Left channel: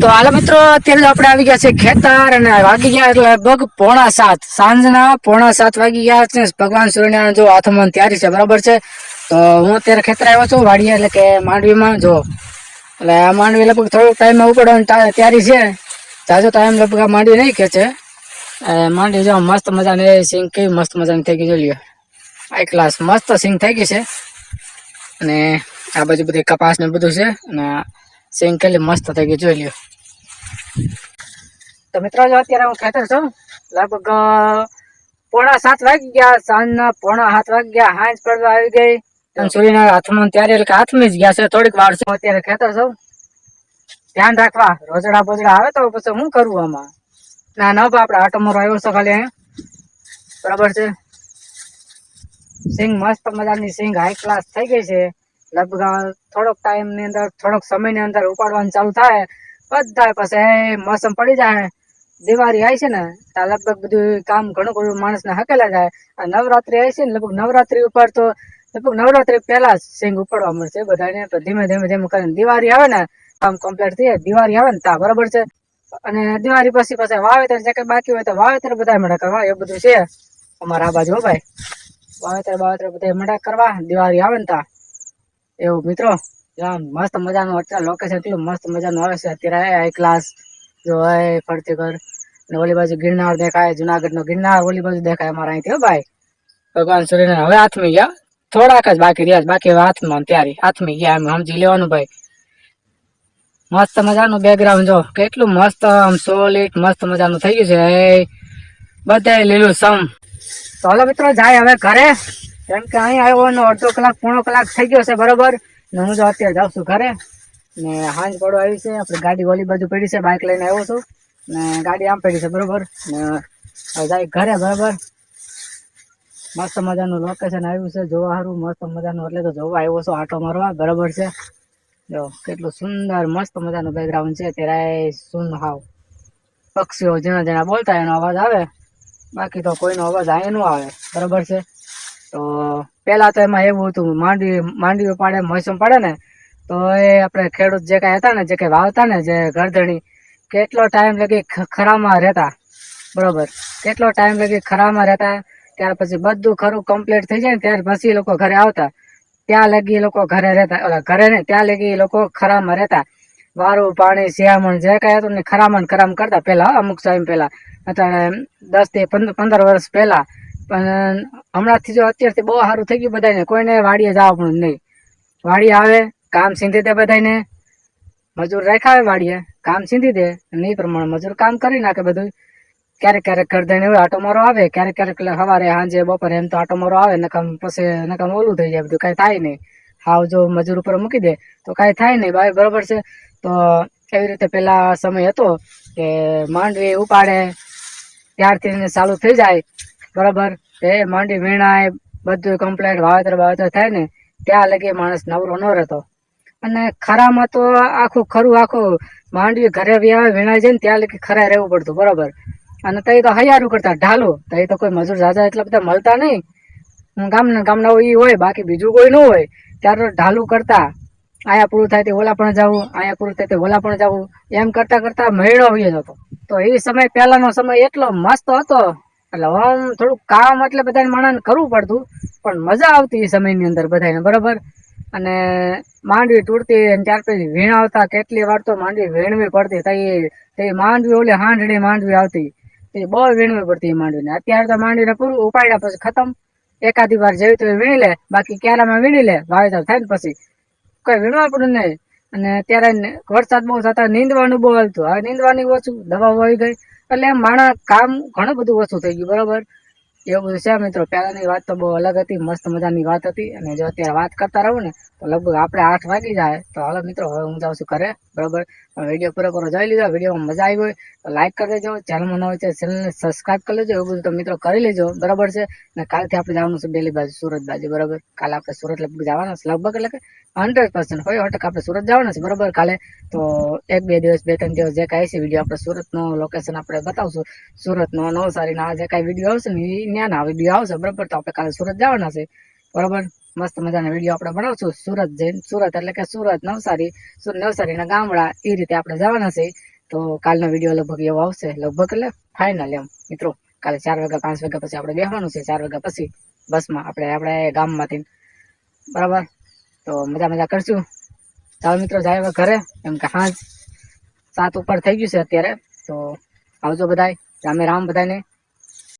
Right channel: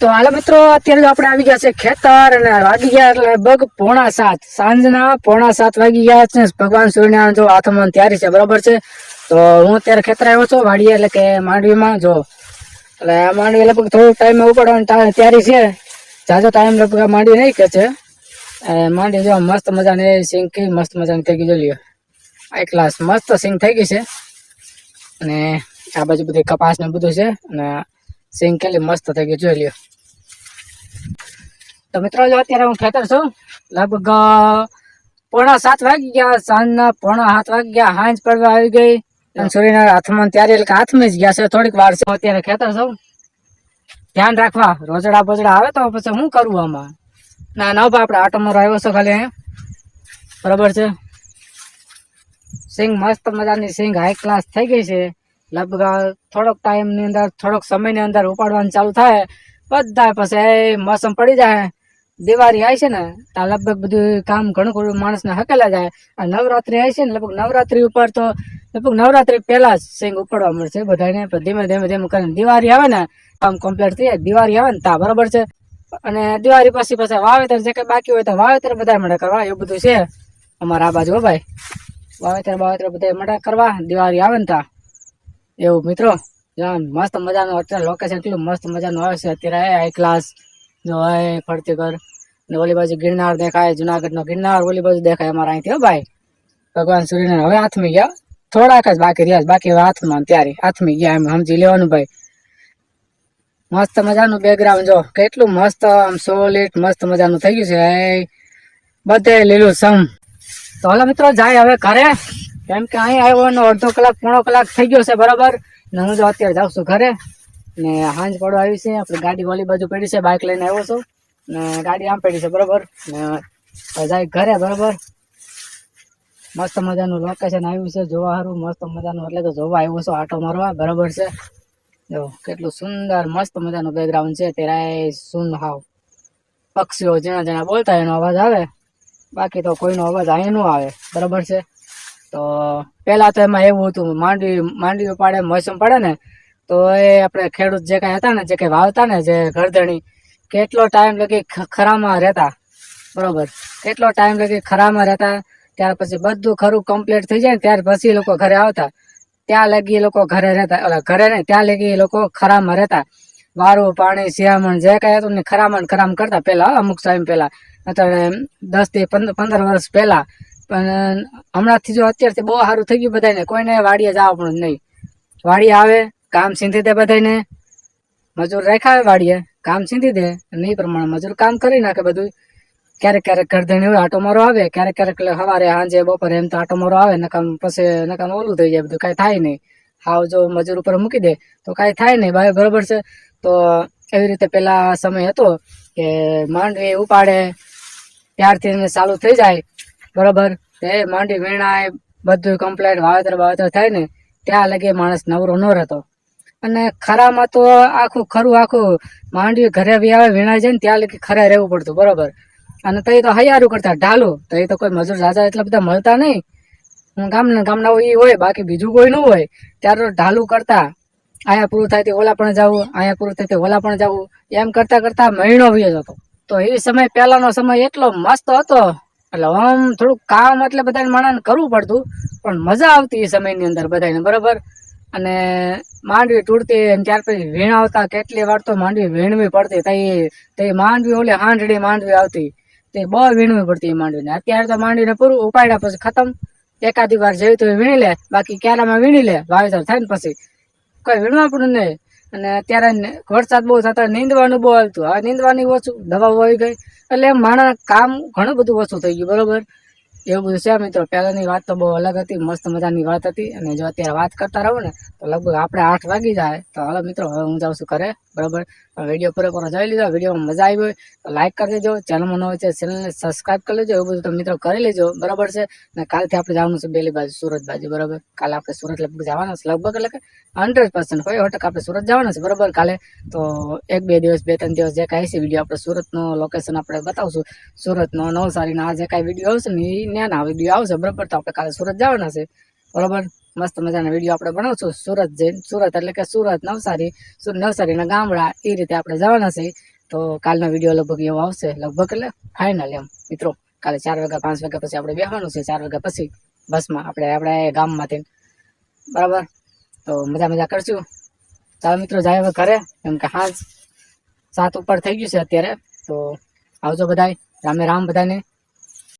તો હાલો મિત્રો, અત્યારે તો આપણે આવી ગયા છે ખેતર અને વાગી ગયા એટલે લગભગ પોણા સાત. સાંજના પોણા સાત વાગી ગયા છે. ભગવાન સૂર્યનારાયણ જો હાથમાં તૈયારી છે, બરાબર છે? તો હું અત્યારે ખેતર આવ્યો છું વાડીયા એટલે કે માંડવીમાં, જો. એટલે આ માંડવી લગભગ થોડો ટાઈમ ઉપડવાની તૈયારી છે. જાજો ટાઈમ લગભગ માંડવી નહીં કે છે. માંડવી જો મસ્ત મજાની સિંગ, કેવી મસ્ત મજાની થઈ ગઈ જો લ્યો આ ક્લાસ મસ્ત સિંગ થઈ ગઈ છે. અને આ બાજુ બધી કપાસ ને બધું છે. અને સિંગ કેટલી મસ્ત થઈ ગઈ જોઈ લ્યો. તો મિત્રો જો અત્યારે હું ખેતર છું. લગભગ પોણા સાત વાગી ગયા સાંજના પોણા સાત વાગી ગયા હાંજ પડવા આવી ગઈ. અને સૂર્યના હાથમાં ત્યારે એટલે હાથમાં જ ગયા છે. થોડીક વાર છે અત્યારે ખેતર છું. ધ્યાન રાખવા, રોજડા બોજડા આવે તો પછી શું કરવું આમાં? ના ના આપણે આટો મારો આવ્યો છો ખાલી અહીંયા. બરાબર છે? સિંગ મસ્ત મજાની સિંગ હાઈ ક્લાસ થઈ ગઈ છે. લગભગ થોડોક ટાઈમની અંદર, થોડોક સમયની અંદર ઉપાડવાનું ચાલુ થાય બધા પછી મોસમ પડી જાય, દિવાળી આવી છે ને ત્યાં લગભગ બધું કામ ઘણું ઘણું માણસને હકેલા જાય. અને નવરાત્રી આવી છે ને, લગભગ નવરાત્રી ઉપર તો, લગભગ નવરાત્રી પહેલા જ સિંગ ઉપાડવા મળશે બધાને ધીમે ધીમે ધીમે કરીને દિવાળી આવે ને, કામ કમ્પ્લીટ થઈ જાય, દિવાળી આવે ને ત્યાં બરોબર છે. અને દિવાળી પછી પછી વાવેતર જે કઈ બાકી હોય તો વાવેતર બધા મને કરવા, એવું બધું છે અમારા આ બાજુ ભાઈ. વાવેતર વાવેતર બધા મટા કરવા, દિવાળી આવે ને ત્યાં એવું, મિત્રો? મસ્ત મજાનું અત્યારે લોકેશન એટલું મસ્ત મજાનું આવે છે. અત્યારે હાઈ ક્લાસ જો હાય ફરતી ઘર. ને ઓલી બાજુ ગિરનાર દેખાય જુનાગઢ નો ગિરનાર ઓલી બાજુ દેખાય અમારા અહીંથી ભાઈ. ભગવાન સૂર્યનારાયણ હવે હાથમી ગયા. થોડાક જ બાકી રહ્યા બાકી હાથમાં ત્યારે હાથમી ગયા એમ સમજી લેવાનું ભાઈ. મસ્ત મજાનું બેકગ્રાઉન્ડ જો, કેટલું મસ્ત, આમ સોલિડ મસ્ત મજાનું થઈ ગયું છે. બધે લીલું સમ. તો હાલો મિત્રો, જાય હવે ઘરે. કેમ કે અહીં આવ્યો એનો અડધો કલાક, પોણો કલાક થઈ ગયો છે, બરોબર? ને હું જો અત્યારે જાઉં છું ઘરે, ને હાંજ પડો આવી છે, આપણે ગાડી ઓલી બાજુ પડી છે બાઇક લઈને આવ્યો છું, ને ગાડી આમ પડી છે, બરોબર? ને જાય ઘરે, બરોબર? મસ્ત મજાનું લોકેશન આવ્યું છે, જોવા સારું, મસ્ત મજાનું, એટલે તો જોવા આવ્યો છું, આટો મારવા, બરોબર છે? જો, કેટલું સુંદર, મસ્ત મજાનું બેકગ્રાઉન્ડ છે ત્યારે સુન હાવ. પક્ષીઓ જેના જેના બોલતા, એનો અવાજ આવે. બાકી તો કોઈનો અવાજ અહીં ન આવે, બરોબર છે? તો પહેલા તો એમાં એવું હતું માંડવી માંડવી પાડે, મોસમ પડે ને, તો એ આપણે ખેડૂત જે કાંઈ હતા ને, જે કાંઈ વાવતા ને, જે ગરદણી કેટલો ટાઈમ લગી ખરામાં રહેતા, બરોબર. કેટલો ટાઈમ લગી ખરામાં રહેતા, ત્યાર પછી બધું ખરું કમ્પ્લીટ થઈ જાય ને, ત્યાર પછી એ લોકો ઘરે આવતા. ત્યાં લગી એ લોકો ઘરે રહેતા, ઓલા ઘરે ને, ત્યાં લગી એ લોકો ખરામાં રહેતા. વારું, પાણી શિયામણ જે કાંઈ હતું ને, ખરામાં ને ખરામ કરતા. પહેલાં, અમુક ટાઈમ પહેલાં, અત્યારે દસથી પંદર પંદર વર્ષ પહેલા પણ હમણાંથી જો અત્યારથી બહુ સારું થઈ ગયું બધાને કોઈને વાડીએ જાવ પણ નહીં. વાડી આવે, કામ સીંધી દે બધાને મજૂર રેખાવે વાડીએ, કામ સીંધી દે. અને એ પ્રમાણે મજૂર કામ કરી નાખે બધું. ક્યારેક ક્યારેક કરદણી હોય, આટો મારો આવે. ક્યારેક ક્યારેક સવારે સાંજે, બપોરે એમ તો આટો મારો આવે નકમ પછી નકમ ઓલું થઈ જાય બધું. કાંઈ થાય નહીં. હાવ જો મજૂર ઉપર મૂકી દે, તો કાંઈ થાય નહીં. ભાઈ બરોબર છે? તો એવી રીતે પહેલાં સમય હતો કે માંડવી ઉપાડે, ત્યારથી ચાલુ થઈ જાય. બરાબર? તે માંડી વીણાએ બધું કમ્પ્લેટ વાવેતર વાવેતર થાય ને, ત્યાં લગે માણસ નવરો ન રહેતો. અને ખરામાં તો આખું ખરું, આખું માંડવી ઘરે આવે વીણાય જાય ને ત્યાં લગી ખરે રહેવું પડતું, બરાબર? અને તઈ તો હૈયારું કરતા, ઢાલો. તઈ તો કોઈ મજૂર ઝાઝા એટલા બધા મળતા નહીં. ગામના ગામના એ હોય, બાકી બીજું કોઈ ન હોય. ત્યારે ઢાલું કરતા. અહીંયા પૂરું થાય તે ઓલા પણ જવું આયા પૂરું થાય તે ઓલા પણ જવું. એમ કરતા કરતા મહિનો હોય જતો. તો એ સમય, પહેલાનો સમય એટલો મસ્ત હતો. એટલે આમ થોડુંક કામ એટલે બધાને માણસને કરવું પડતું, પણ મજા આવતી એ સમયની અંદર બધાને બરોબર? અને માંડવી તૂટતી ત્યાર પછી વીણાવતા કેટલી વાર તો માંડવી વીણવી પડતી, તઈ તે માંડવી ઓલે હાંડડી માંડવી આવતી તે બહુ વીણવી પડતી એ માંડવીને. અત્યારે તો માંડવીને પૂરું ઉપાડ્યા પછી ખતમ. એકાદી વાર જેવી તો વીણી લે, બાકી ક્યારામાં વીણી લે, વાવેતર થાય ને પછી. કઈ વીણવા પડે નહીં. અને ત્યારે ને- વરસાદ બહુ થતા, નીંદવાનું બહુ આવતું હવે નીંદવાની ઓછું દવા આવી ગઈ. એટલે માણા કામ ઘણું બધું ઓછું થઈ ગયું, બરોબર? એવું બધું છે મિત્રો. પહેલાંની વાત તો બહુ અલગ હતી, મસ્ત મજાની વાત હતી. અને જો અત્યારે વાત કરતા રહો ને, તો લગભગ આપણે આઠ વાગી જાય. તો હાલો મિત્રો, હવે હું જાઉં છું ઘરે. બરાબર? વીડિયો પૂરેપૂરો જોઈ લીધો. વિડીયોમાં મજા આવી હોય તો લાઇક કરી દેજો. ચેનલમાં ન હોય તો ચેનલને સબસ્ક્રાઈબ કરી લેજો. એવું બધું તો મિત્રો કરી લેજો. બરાબર છે? ને કાલથી આપણે જવાનું છે બેલી બાજુ, સુરત બાજુ. બરાબર? કાલે આપણે સુરત લગભગ જવાના છે. લગભગ એટલે કે હંડ્રેડ પર્સન્ટ કોઈ ટકા આપણે સુરત જવાના છે. બરાબર? કાલે તો એક, બે દિવસ, બે, ત્રણ દિવસ જે કાંઈ છે, વીડિયો આપણે સુરતનું લોકેશન આપણે બતાવશું. સુરતનો નવસારીનો આ જે કાંઈ વીડિયો આવશે ને એ ન્યાના વીડિયો આવશે બરાબર તો આપણે કાલે સુરત જવાના છે. બરોબર? મસ્ત મજાના વીડિયો આપણે બનાવશું. સુરત જઈને સુરત એટલે કે સુરત નવસારી, સુરત નવસારીના ગામડા, એ રીતે આપણે જવાના છે. તો કાલનો વીડિયો લગભગ એવો આવશે. લગભગ એટલે ફાઇનલ એમ. મિત્રો, કાલે ચાર વાગ્યા, પાંચ વાગ્યા પછી આપણે બેસવાનું છે. ચાર વાગ્યા પછી બસમાં આપણે આપણે ગામમાંથી બરાબર? તો મજા મજા કરશું. ચાલો મિત્રો, જાય હવે ઘરે. કેમ કે હાજ સાત ઉપર થઈ ગયું છે અત્યારે. તો આવજો બધાય. રામે રામ બધાને